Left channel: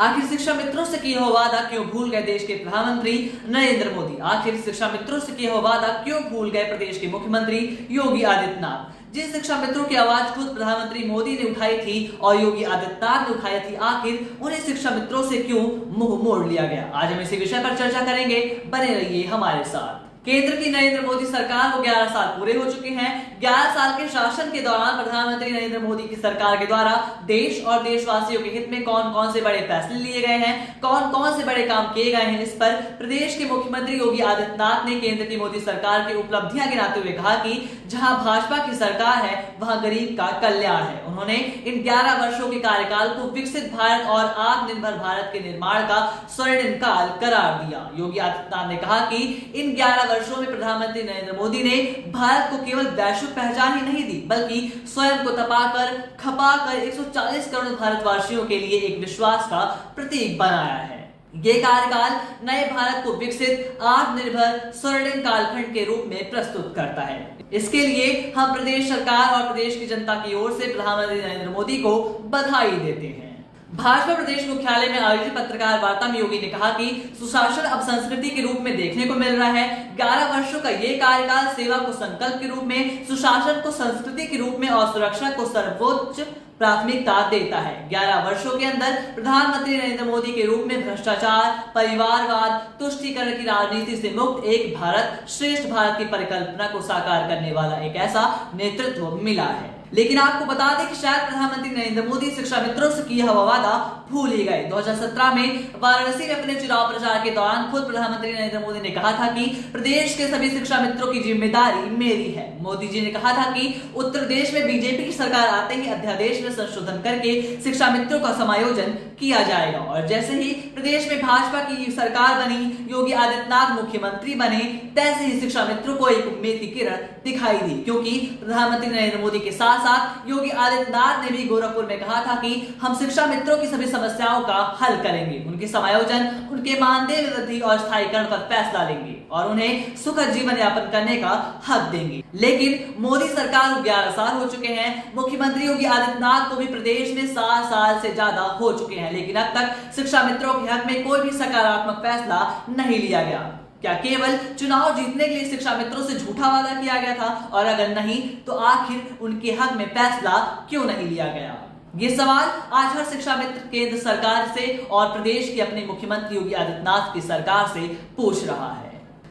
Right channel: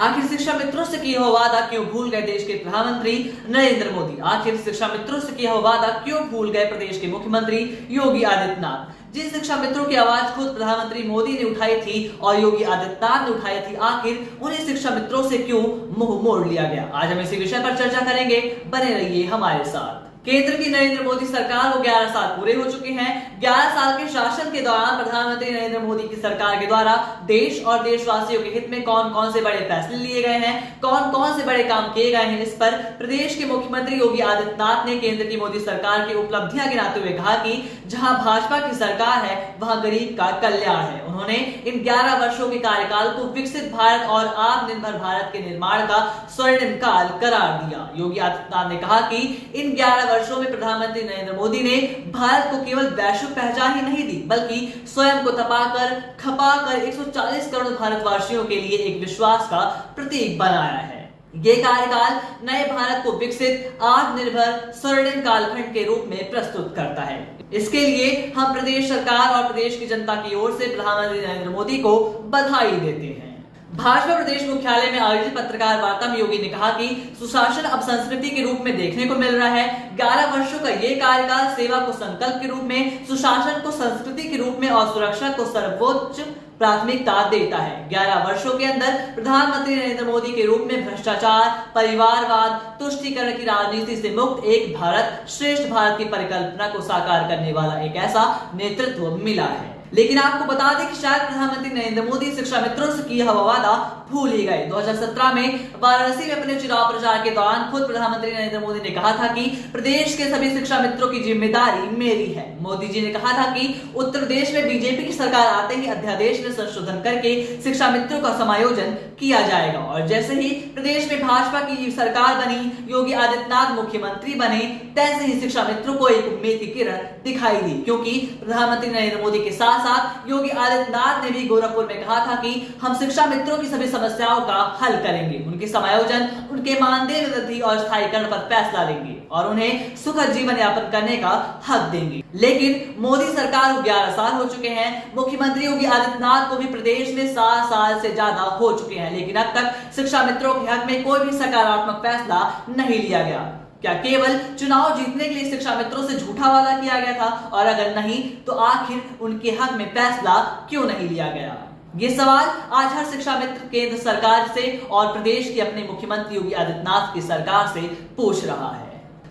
आखिर शिक्षा मित्रों से किया हुआ वादा क्यों भूल गए देश के प्रधानमंत्री नरेंद्र मोदी? आखिर शिक्षा मित्रों से किया हुआ वादा क्यों भूल गए प्रदेश के मुख्यमंत्री योगी आदित्यनाथ? जिन शिक्षा मित्रों की आवाज खुद प्रधानमंत्री मोदी ने उठाई थी और योगी आदित्यनाथ ने उठाई थी, आखिर उन्हीं शिक्षा मित्रों से क्यों मुंह मोड़ लिया गया? आज हम इसी विषय पर चर्चा करेंगे, बने रहिए हमारे साथ। केंद्र की नरेंद्र मोदी सरकार को 11 साल पूरे हो चुके हैं। 11 साल के शासन के दौरान प्रधानमंत्री नरेंद्र मोदी की सरकार के द्वारा देश और देशवासियों के हित में कौन कौन से बड़े फैसले लिए गए हैं, कौन कौन से बड़े काम किए गए हैं, इस पर प्रदेश के मुख्यमंत्री योगी आदित्यनाथ ने केंद्र की मोदी सरकार की उपलब्धियां गिनाते हुए कहा कि जहां भाजपा की सरकार है वहां गरीब का कल्याण है। उन्होंने इन 11 वर्षों के कार्यकाल को विकसित भारत और आत्मनिर्भर भारत के निर्माण का स्वर्णिम काल करार दिया। योगी आदित्यनाथ ने कहा कि इन 11 वर्षों में प्रधानमंत्री नरेंद्र मोदी ने भारत को केवल वैश्विक पहचान ही नहीं दी, बल्कि स्वयं को तपाकर खपाकर 140 करोड़ भारतवासियों के लिए एक विश्वास का प्रतीक बनाया है। ये कार्यकाल नए भारत को विकसित आत्मनिर्भर स्वर्णिम कालखंड के रूप में प्रस्तुत करता है। इसके लिए हम प्रदेश सरकार और प्रदेश की जनता की ओर से प्रधानमंत्री नरेंद्र मोदी को बधाई देते हैं। भाजपा प्रदेश मुख्यालय में आयोजित पत्रकार वार्ता में योगी ने कहा कि सुशासन अब संस्कृति के रूप में देखने को मिल रहा है। 11 वर्षों का ये कार्यकाल सेवा को संकल्प के रूप में, सुशासन को संस्कृति के रूप में और सुरक्षा को सर्वोच्च प्राथमिकता देता है। 11 वर्षों के अंदर प्रधानमंत्री नरेंद्र मोदी के रूप में भ्रष्टाचार, परिवारवाद, तुष्टीकरण की राजनीति से मुक्त एक भारत श्रेष्ठ भारत की परिकल्पना को साकार करने वाला एक ऐसा नेतृत्व मिला है। लेकिन आपको बता दें कि शायद प्रधानमंत्री नरेंद्र मोदी शिक्षा मित्रों से किया हुआ वादा भूल ही गए। 2017 में वाराणसी में अपने चुनाव प्रचार के दौरान खुद प्रधानमंत्री नरेंद्र मोदी ने कहा था कि प्रदेश के सभी शिक्षा मित्रों की जिम्मेदारी मेरी है। मोदी जी ने कहा था कि उत्तर प्रदेश में बीजेपी की सरकार आते ही अध्यादेश में संशोधन करके शिक्षा मित्रों का समायोजन किया जाएगा और जैसे ही प्रदेश में भाजपा की सरकार बनी, योगी आदित्यनाथ मुख्यमंत्री बने, तैसे ही शिक्षा मित्रों को एक उम्मीद की किरण दिखाई दी, क्योंकि प्रधानमंत्री नरेंद्र मोदी के साथ साथ योगी आदित्यनाथ ने भी गोरखपुर में कहा था कि हम शिक्षा मित्रों की सभी समस्याओं का हल करेंगे, उनके समायोजन, उनके मानदेय वृद्धि और स्थायीकरण पर फैसला लेंगे और उन्हें सुखद जीवन यापन करने का हक देंगे। लेकिन मोदी सरकार को 11 साल हो चुके हैं। मुख्यमंत्री योगी आदित्यनाथ को भी प्रदेश में 7 साल से ज्यादा हो चुके हैं, लेकिन अब तक शिक्षा मित्रों के हक में कोई भी सकारात्मक फैसला नहीं लिया गया। क्या केवल चुनाव जीतने के लिए शिक्षा मित्रों से झूठा वादा किया गया था? और अगर नहीं तो आखिर उनके हक में फैसला क्यों नहीं लिया गया? ये सवाल आज हर शिक्षा मित्र केंद्र सरकार से और प्रदेश के अपने मुख्यमंत्री योगी आदित्यनाथ की सरकार से पूछ रहा है।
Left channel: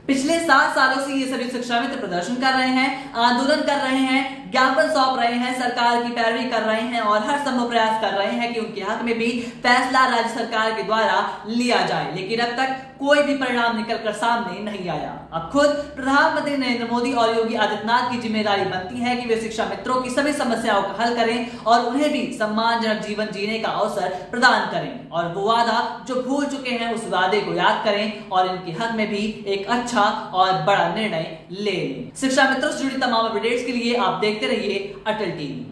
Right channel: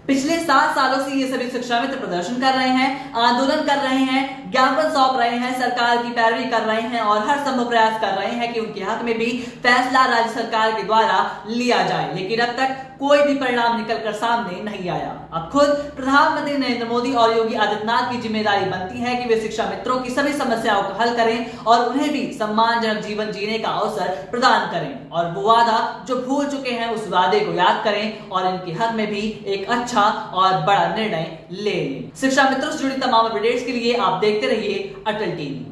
पिछले 7 सालों से ये सभी शिक्षा मित्र प्रदर्शन कर रहे हैं, आंदोलन कर रहे हैं, ज्ञापन सौंप रहे हैं, सरकार की पैरवी कर रहे हैं और हर संभव प्रयास कर रहे हैं कि उनके हक में भी फैसला राज्य सरकार के द्वारा लिया जाए, लेकिन अब तक कोई भी परिणाम निकलकर सामने नहीं आया। अब खुद प्रधानमंत्री नरेंद्र मोदी और योगी आदित्यनाथ की जिम्मेदारी बनती है कि वे शिक्षा मित्रों की सभी समस्याओं को हल करें और उन्हें भी सम्मानजनक जीवन जीने का अवसर प्रदान करें और वो वादा जो भूल चुके हैं उस वादे को याद करें और इनके हक में भी एक अच्छा और बड़ा निर्णय ले लें। शिक्षा मित्रों से जुड़ी तमाम अपडेट्स के लिए आप देखते रहिए अटल टीवी।